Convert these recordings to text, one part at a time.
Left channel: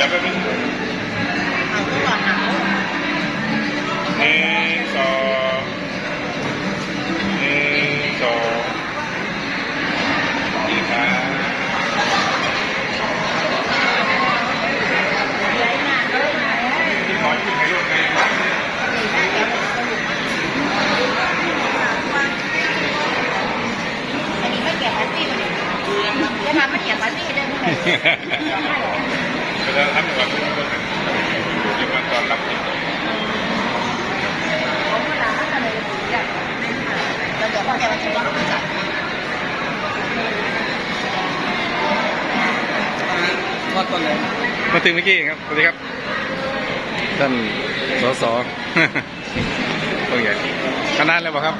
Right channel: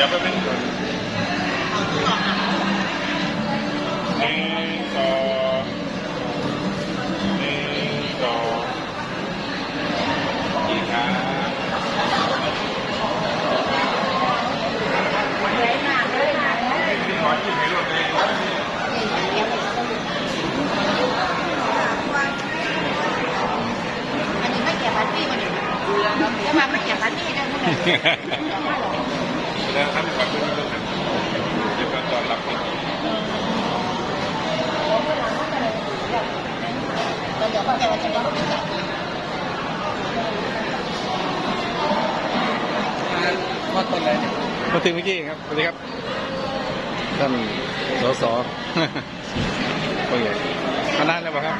ดี๋ยวแป๊บนึงเอาตัวก่อนอะหนึ่งสองหนึ่งสองดีครับเดี๋ยวมาเลยมาแล้วที่หมอที่ไหนลูกแม่อันนี้ไม่เกี่ยวกับที่มันเนี่ยจะมาไม่เกี่ยวกับที่ได้ไหม แล้วทำกับลูกด้วยเดี๋ยวมาตอนรับแล้วเดี๋ยวก็จะมาเจอกันว่าคนอะไรมาถึงเมื่อกี้เองครับ สวัสดีครับ ท่านสสตัวใหญ่มานานแล้วเปล่าครับ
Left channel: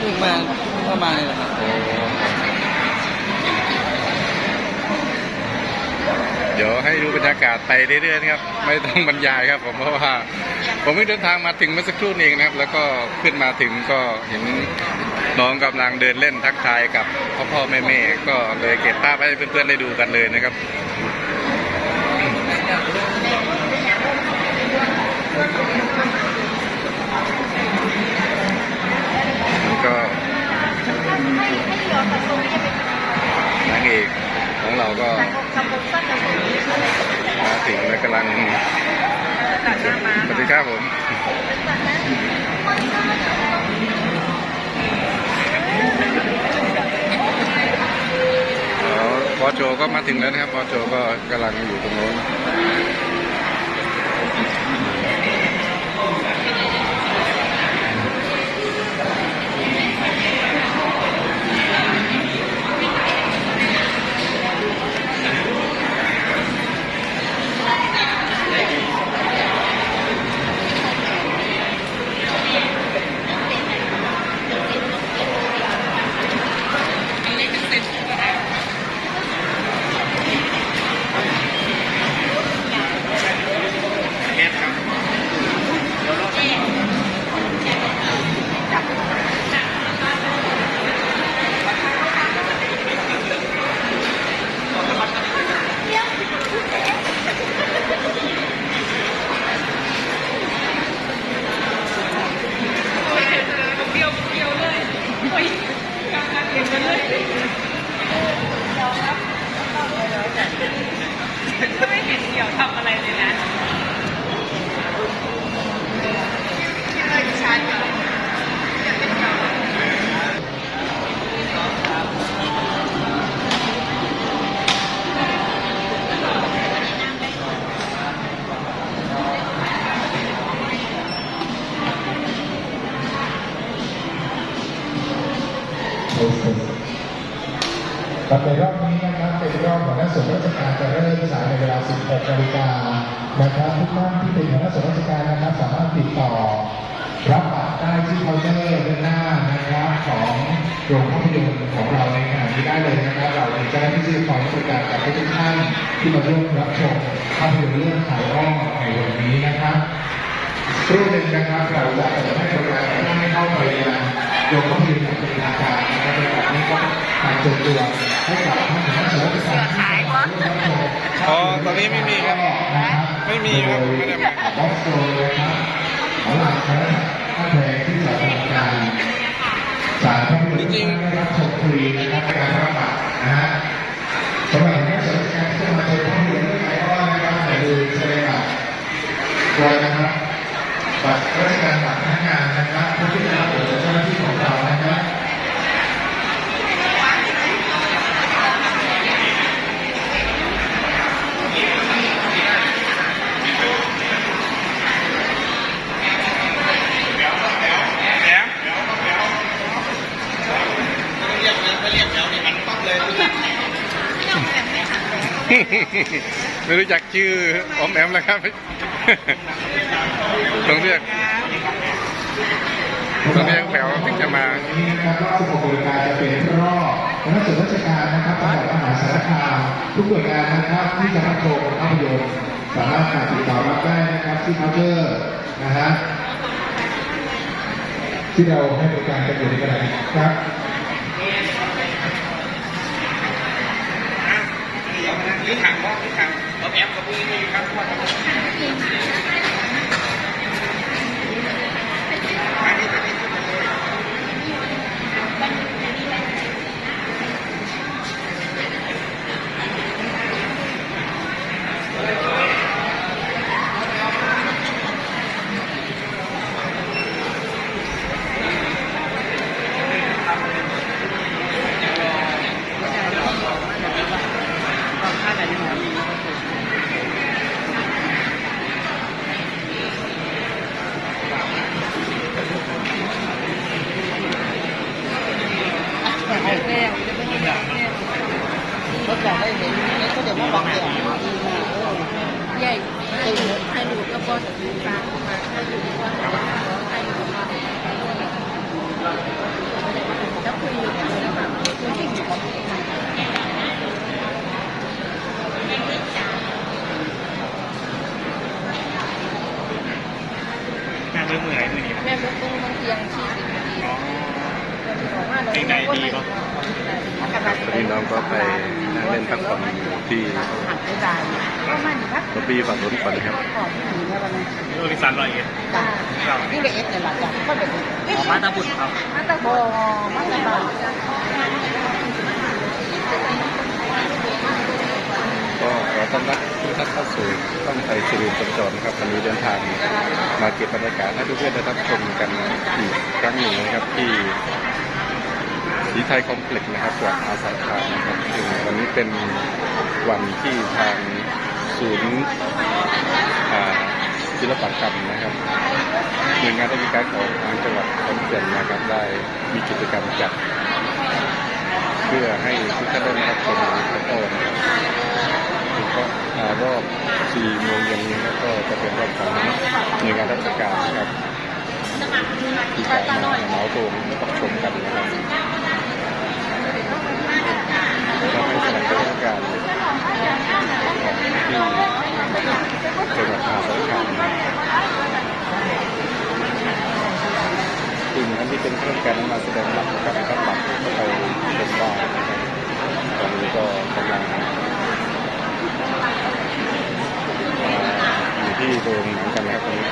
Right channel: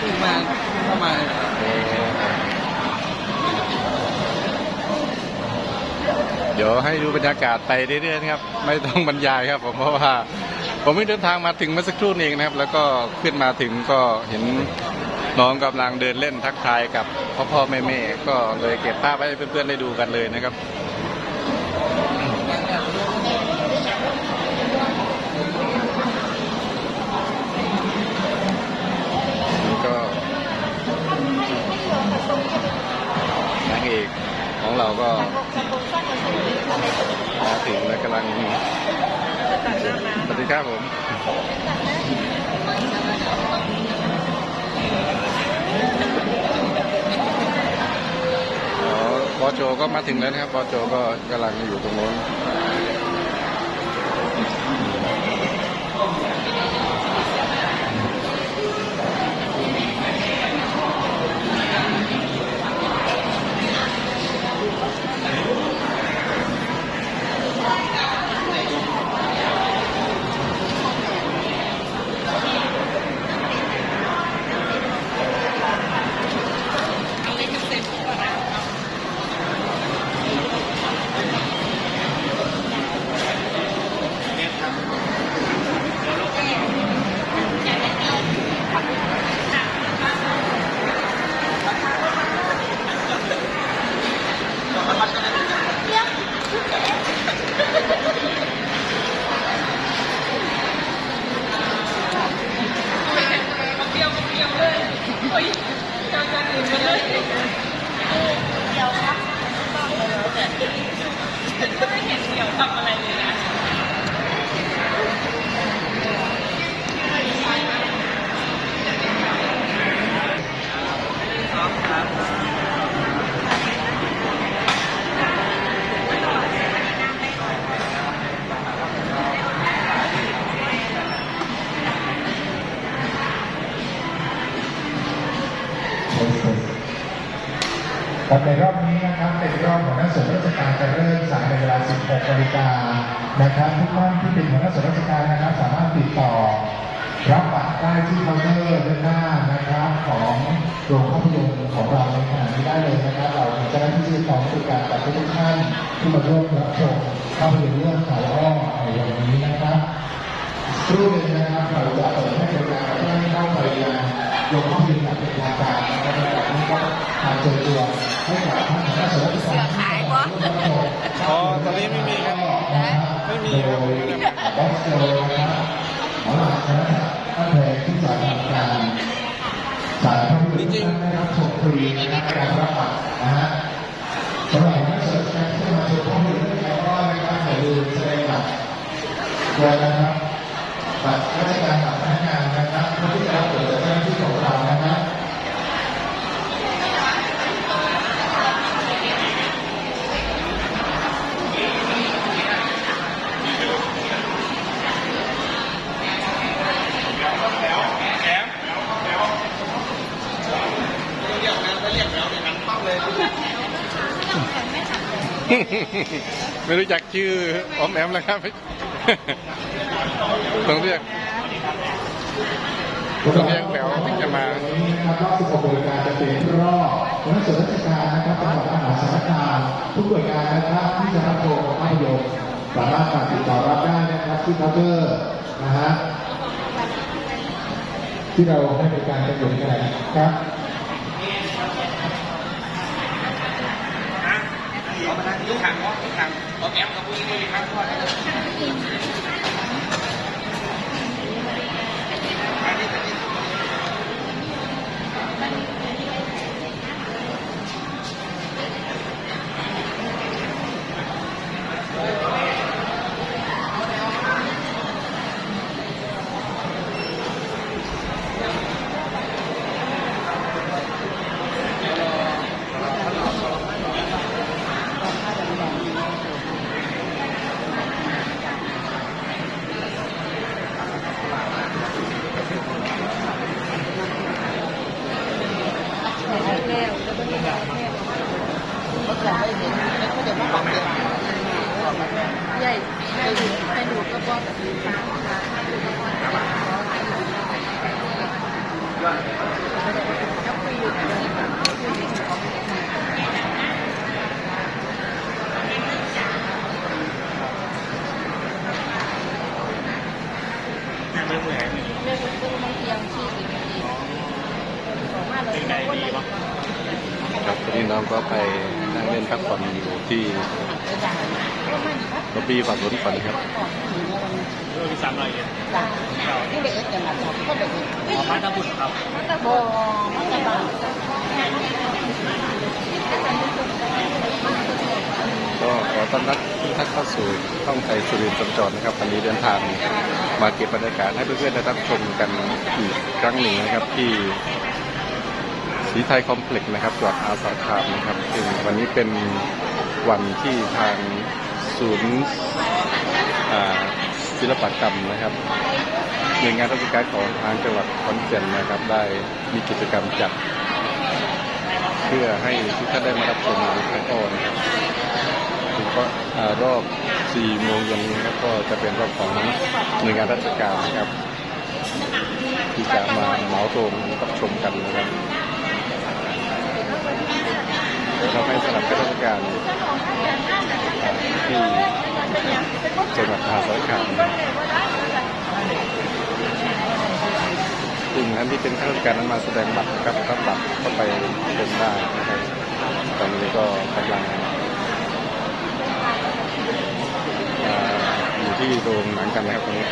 ขึ้นมาเข้ามาโอ้ เดี๋ยวให้ดูบรรยากาศไปเรื่อยๆนะครับ ไม่ต้องบรรยายครับ ผมเพราะว่าผมเพิ่งเดินทางมาถึงเมื่อสักครู่นี้เองนะครับ แล้วก็ขึ้นมาถึงก็เห็นน้องกำลังเดินเล่นทักทายกับพ่อพ่อแม่แม่ๆก็เลยเก็บภาพให้เพื่อนๆได้ดูกันเลยนะครับนี่ก็นางเอกของ เราก็มาถึงแล้วกำลังสวัสดีครับผมอ๋อบอโจก็มาถึงแล้วนะครับบอโจก็กำลังอยู่ตรงโน้น ในรอบนี้นะครับเป็นรอบของนักส่วนราชการจะเริ่มสายในเวลา 16นาฬิกานะครับทุกท่านที่เป็นหัวหน้าส่วนราชการนะครับสามารถติดต่อรับบัตรได้ที่เคาน์เตอร์ด้านหน้านะครับของโรงภาพยนตร์ของเราในขณะนี้ได้เลยนะครับ เรามีเจ้าหน้าที่ที่คอยบริการกับทุกท่านที่มาร่วมรับชมภาพยนตร์เรื่องสายอ้อในวันนี้นะครับรู่หนึ่งนะครับเราจะเปิดให้บริการให้ท่านเข้าไปยัง โรงภาพยนตร์อย่างเป็นทางการนะครับในแบบนี้ก็ทางเชิญชวนให้กับท่านคณะเสริมการที่มาร่วมรับชมอ๋อตอนนี้ไม่มีครับ ไม่มีครับผมไม่ได้มาบอสโจนะครับหลังคณะท่านเพลงที่จะทำการสายภาพยนตร์ที่ได้รับชมฟรีนะครับในการรับบัตรนะฮะสำหรับคณะเสริมการที่จะมาชมภาพยนตร์เรื่องไอออนนะครับอย่าลืมแสดงบัตรด้วยนะครับ บัตรราชการบัตรพนักงานนะครับผู้ที่รับเปิดเจ้าหน้าที่ของเรานะครับ แอม ไม่รู้จักชื่อออมแอมแล้วครับต้องเรียกต้องเรียกแถวถึงจะมาวันนี้นะครับรอบ16หน่วยงานจะเป็นรอบคณะส่วนราชการนะครับจังหวัดมหาสารคามทุกหน่วยงานนะครับที่จะรับชมภาพยนตร์สามารถติดต่อรับได้นะครับที่เคาน์เตอร์นะฮะที่เราให้บริการกันอยู่ในขณะนี้ครับ I want to ไม่เหนื่อยไม่เหนื่อยแม่รู้ตัวเพียงที่เป็นไงดีครับตอนนี้น้องก็ไปนั่งเล่นพักผ่อนอยู่ที่ หันไปได้ก็มันครับล็อบบี้ฝั่งนู้นก่อนนะครับของผีเนี่ยวันนี้เออสามร้อยเอ็ดนี่เป็นเอ็ดแต่ละก็จะออกมาตาบุตรครับมาตะโบมาตะบาก็ขอต้อนรับทุกท่านเข้าสู่ช่องไทยสุรินทร์สัญจรนะครับวันนี้เดินทางมาเก็บบรรยากาศให้เพื่อนๆได้รับชมกันอีกครั้งหนึ่งนะครับที่สีไทยคอมเพล็กซ์นะครับจังหวัดอาสาคามนะครับซึ่งวันนี้เป็น วันที่ทางศูนย์ศิลปกรรมนะครับหน่วยงานราชการของทางจังหวัดขอนแก่นนะครับได้มีกิจกรรมจัด เพื่อให้ทุกท่านได้มารับชมแล้วก็นะครับถึงก็รอบ4โมงเย็นนี้แล้วก็จะเป็นรอบของหน่วยงานราชการนะครับที่จะมาเหมาโรงรับชมกันนะครับ เราให้สำนับสนุนราชการที่จังหวัดมหาสารคามสิ่งนั้นที่เป็นข้าราชการนั้นมาแสดงบัตรนะครับรับบัตรเข้าไปชมได้นะครับตอนนี้ก็กำลังอยู่ที่โรงหนังกันนะครับตอนนี้